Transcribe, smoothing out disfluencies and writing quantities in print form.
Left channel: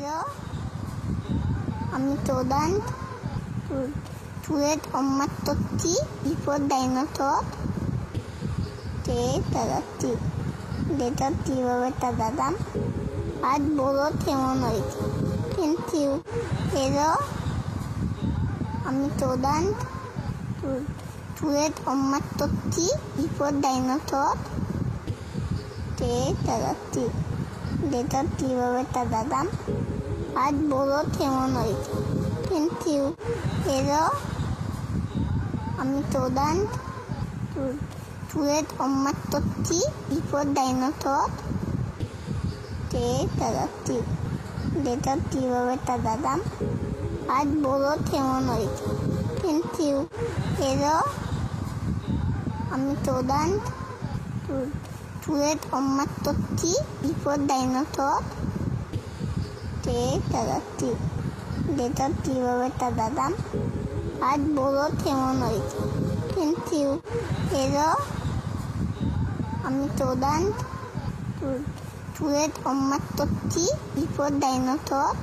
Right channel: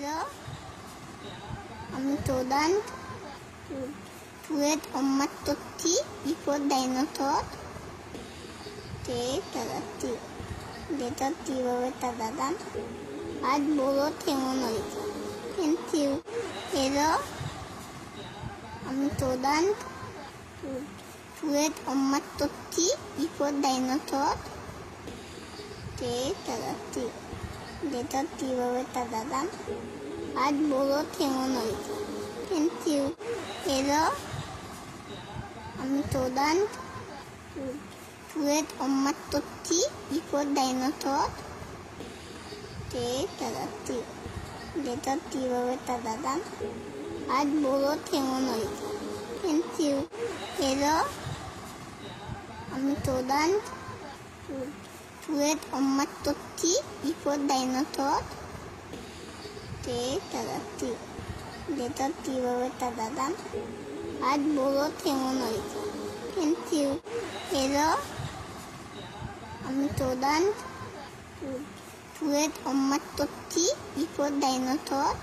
Hello, আমি Todan tulet ommattotti bipodainotot te tadatti detatti tadadam ad bolo temonoit thank you. Hello, আমি Todan tulet ommattotti bipodainotot te tadatti detatti tadadam ad bolo temonoit thank you. Hello, আমি Todan tulet ommattotti bipodainotot te tadatti detatti tadadam ad bolo temonoit thank you. Hello, আমি Todan tulet ommattotti bipodainotot te tadatti detatti tadadam ad bolo temonoit thank you. Hello, আমি Todan tulet ommattotti bipodainotot